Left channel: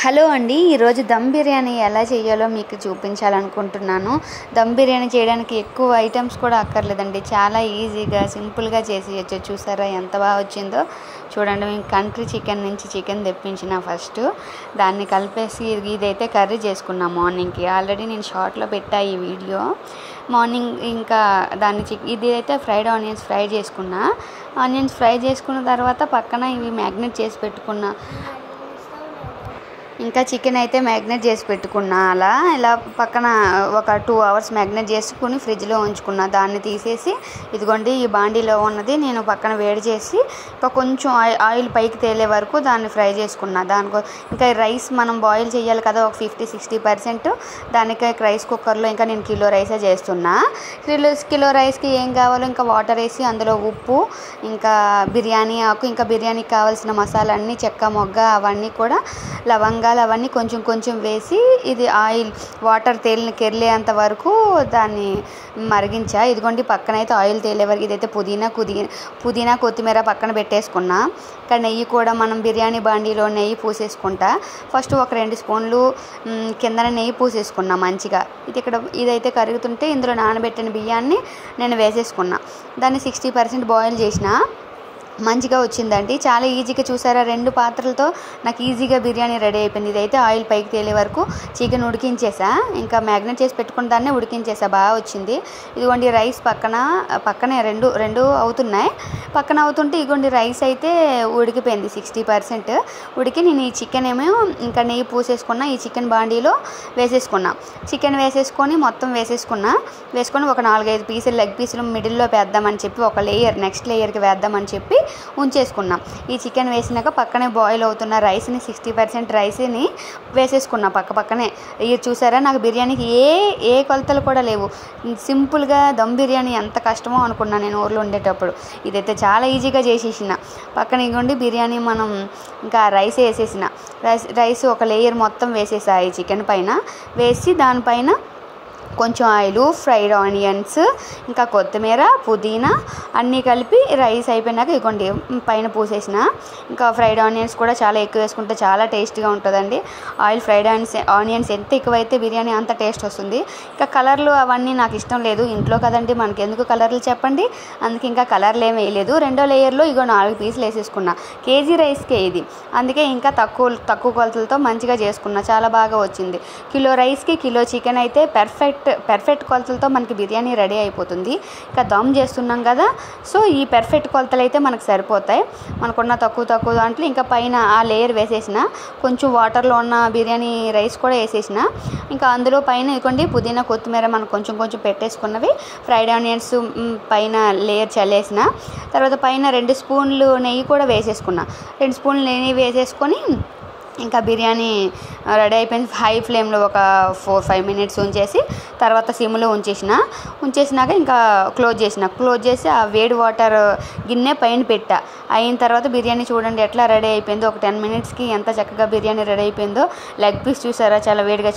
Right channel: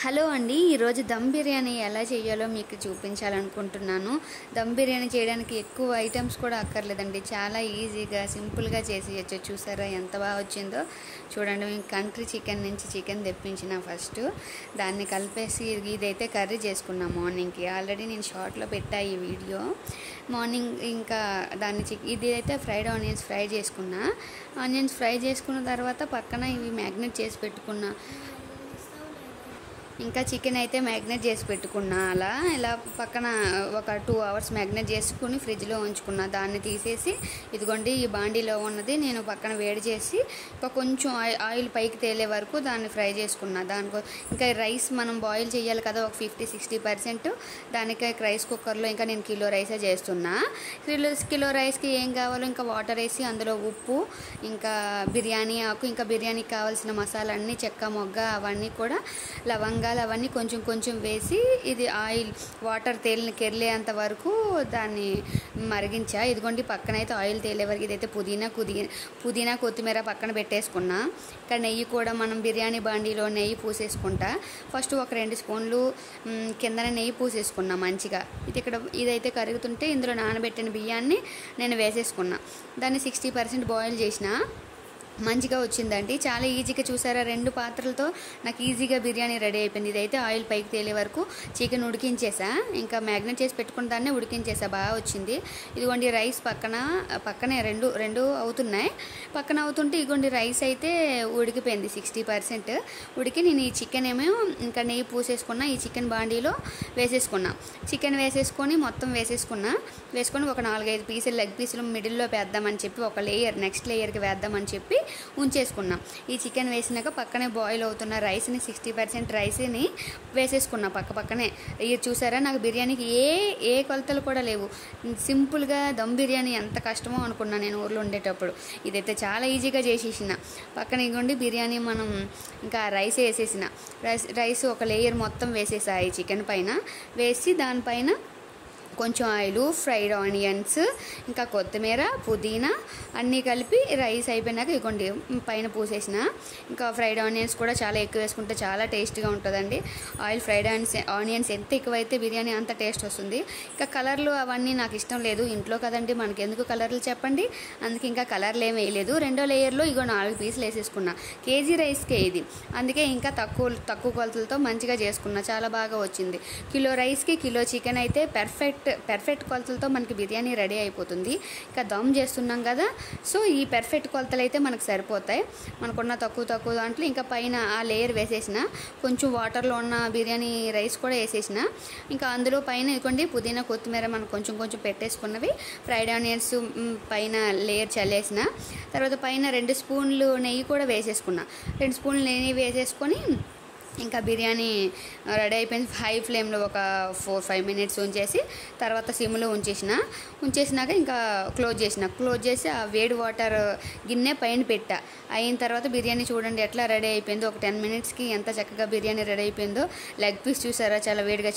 Hello అండి, ఈరోజు దమ్ బిర్యానీ ఎలా చేయాలో మీకు చూపించాలనుకుంటున్నాను. దమ్ బిర్యానీ చేయడానికి ఎక్కువ ఐటమ్స్ కూడా అక్కర్లేదండి, చాలా ఈజీగా సింపుల్గా చేసేయచ్చు. చూసారా ఎంత బాగా వచ్చిందో చూడండి. మేము కంట్రీ చికెన్ నుంచి చికెన్ తెప్పించిన ఫస్ట్ దాన్ని కలిపేసి ఇదైతే కర్రీ చేసుకున్నాం మార్నింగ్కి. ఆల్రెడీ నేను షార్ట్లో పెట్టా ఈ వీడియో. మార్నింగ్ ఇంకా ఇది అయితే ఫ్రైడ్ ఆనియన్స్ ఫ్రై చేసుకున్నా. ఆనియన్స్ ఫ్రై చేసుకున్న తర్వాత పక్కన ఇవి మ్యాగ్నేట్ చేసి పెట్టుకున్నా. ఇంకా చికెన్ అయితే మ్యాగ్నేట్ చేసి పెట్టుకున్నా. ఇలా పక్కన ఒక 2 hours మ్యాగ్నేట్ చేసుకుని ఫ్రిడ్జ్లో ఉంచుకున్నా. దాన్ని తీసేసి ఇదిగోండి ఈ బాండీలో ఉన్నది నేను పక్కన వేడి చేసి ఇంకా కొంచెం ఆయిల్ పైకి తేలే వరకు దాన్ని ఫ్రై చేసుకున్నా. ఇంకా రైస్ మనం బాయిల్ చేయాలి కదా, ఒక 50-60%. దానికి రైస్ కుక్కర్లో ఇంకా నేను కిలో రైసే చేస్తున్నా. కిలో రైస్కి ఏం కావాలో ఇంకా వాటర్ వేసి అందులో ఉప్పు, ఇంకా బిర్యానీ ఆకు, ఇంకా బిర్యానీకి కావాల్సిన మసాలా అన్నీ, చెక్క మొగ్గ అవన్నీ కూడా, లవంగాలు అవన్నీ కొంచెం కొంచెం వేసి ఇది ఆయిల్ వాటర్ కెర్లేంత వరకు దాన్ని మరిగించా. ఇదిగోండి పక్కనైతే ఆయిల్ తేలే వరకు ఇదైతే పుదీనా కొత్తిమీర పక్కన పెట్టేసుకున్నా. ఇంకా నెయ్యి కూడా మనం బిర్యానీ బాండీలో నెయ్యి పూసేసుకుంటా. ఫస్ట్ ఒక 2 స్పూన్లు కిందన నెయ్యి పూసేసుకున్నా మంచిగా. ఇదైతే కరుగుతుంటే ఇందులో నానబెట్టిన బియ్యాన్ని నేను వేసేసుకున్నా. దాన్ని 60% బాయిల్ చేసిన. మంచిగా వచ్చిందండి, చాలా ఈజీగా. చూసారా 2 పాత్రలతో నాకు ఈజీగా బిర్యానీ రెడీ అయిపోయింది. ఇదైతే ఆయిల్ పైకి తేలే వరకు చికెన్ ఉడికించేసా. ఇంకా మ్యాగ్నేట్ చేసి పెట్టుకున్న దాన్ని ఉడికించేసా, బాగా వచ్చింది. ఇదిగోండి రైస్ పక్కనే రెండు అవుతున్నాయి. పక్కన అవుతుంటే ఇదిగోండి రైస్ అయితే ఉడికిపోయింది 60% ఉడికి. నేను ఈ చికెన్ ఏమో ఇంకా నెయ్యి పూసేసుకున్నా. ఈ చికెన్ బాండీలో వేసేసుకున్నా. చికెన్ వేసేసుకొని మొత్తం వేసుకొని ఒక 4-5 పీసులు లెగ్ పీసులు మిడిల్లో వేద్దామని చెప్పి ఒక లేయర్ నెక్స్ట్ లేయర్కి వేద్దామని చెప్పి ఉంచేసుకున్నాం. ఈ చికెన్ వేసినాక పక్కనే బాయిల్ అవుతున్న రైస్ని 60% రైస్ని వేసేసుకున్నా పక్కనే. ఇది చూసారా, నాకు బిర్యానీకి ఏ కొలతలు కూడా లేవు. సింపుల్గా దమ్ బిర్యానీ ఎంత కష్టమో అనుకున్నా నేను ఊర్లో ఉండేటప్పుడు. ఇదైతే చాలా ఈజీగా చేసేసిన. పక్కన ఇగోండి బిర్యానీ మనం ఇంకా రైస్ వేసేసిన. రైస్ ఒక లేయర్ మొత్తం వేసేసా ఈ చికెన్ పైన. వేసి దానిపైన కొంచెం ఆయిల్, ఫ్రైడ్ ఆనియన్స్, ఇంకా కొత్తిమీర, పుదీనా అన్నీ కలిపి రైస్ అయిపోయినాక ఇగోండి పైన పూసేసిన. ఇంకా ఫ్రైడ్ ఆనియన్స్ కూడా చాలా ఎక్కువ వేసుకుంటే చాలా టేస్ట్గా ఉంటుందండి. ఫ్రైడ్ ఆనియన్స్ ఎంత ఎక్కువైతే బిర్యానీ అంత టేస్ట్ వస్తుంది. ఇంకా కలర్లు అవన్నీ నాకు ఇష్టం లేదు, ఇంట్లో కదండి మనకి ఎందుకు కలర్లు చెప్పండి. అందుకే ఇంకా కలర్లు ఏమి వేయలేదు. 2వ లేయర్లో 4 పీసులు వేసేసుకున్నా. కేజీ రైస్కే ఇది, అందుకే ఇంకా తక్కువ కొలతలతో మంచిగా చేసుకున్నా. చాలా బాగా వచ్చింది. కిలో రైస్కి కిలో చికెన్ అయితే పర్ఫెక్ట్ కొలతలతో మనకి బిర్యానీ రెడీ అయిపోతుంది. ఇంకా దమ్ చేస్తున్నాం కదా, సో ఈ పర్ఫెక్ట్ కొలతలు అయితే మనకు సరిపోతాయి. మనకున్న తక్కువ దాంట్లో ఇంకా పైన ఆ లేయర్ వేసేసిన. కొంచెం వాటర్లో ఉన్న బిర్యానీ రైస్ కూడా వేసేసిన. ఇంకా అందులో పైన ఇదిగోండి పుదీనా కొత్తిమీర మనం కొంచెం పెట్టేసుకున్నవి, ఫ్రైడ్ ఆనియన్స్ పైన లేయర్ చల్లేసిన. తర్వాత పైన 2 స్పూన్లు నెయ్యి కూడా వేసేసుకున్నా. 2 స్పూన్లు నెయ్యి వేసేసుకొని ఇంకా బిర్యానీ రెడీ అయిపోయింది. హై ఫ్లేమ్లో ఒక 4-5 minutes ఉంచేసి తర్వాత సిమ్లో ఉంచేసినాక ఇంకా క్లోజ్ చేసి ఆ వేడి వాటర్ గిన్నె పైన పెట్టా. అయిన తర్వాత బిర్యానీ చూడండి ఎట్లా రెడీ అయిపోయిందో. ఒక 10 minutesకి ఎంత చక్కగా బిర్యానీ రెడీ అయిపోయిందో. లెగ్ పీస్ చూసారా చాలా వేడిగా